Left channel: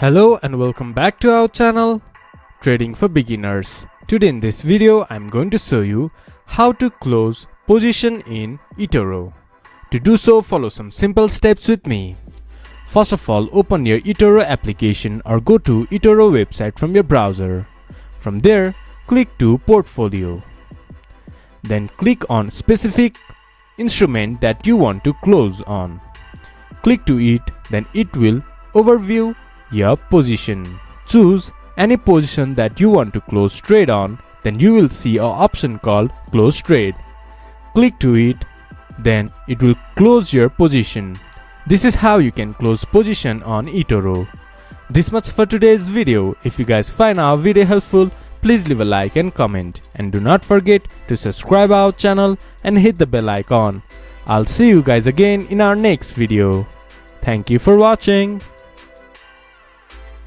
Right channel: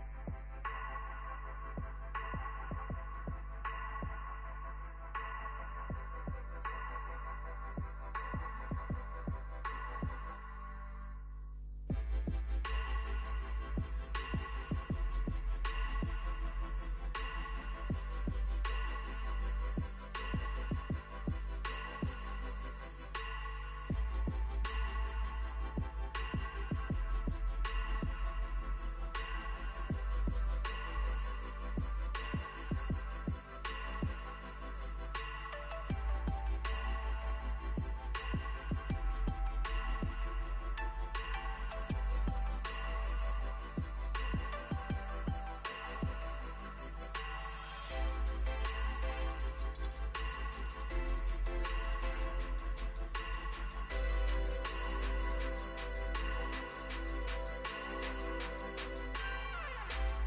Hello and welcome back to our channel Trading for Beginners. Today in this video I'm going to show you how to close position in Etoro. To do so, follow some simple steps with me. First of all, open your Etoro application or go to Etoro website from your browser. From there, click to Portfolio. Then click on specific instrument that you want to close on. Click to it, then it will overview your position. Choose any position that you want to close trade on, then you will see an option called Close Trade. Click to it, then it will close your position. This is how you can close position on Etoro. This much for today's video. If you guys find our video helpful, please leave a like and comment, and do not forget to subscribe our channel and hit the bell icon. I'll see you guys again in our next video. Thank you for watching.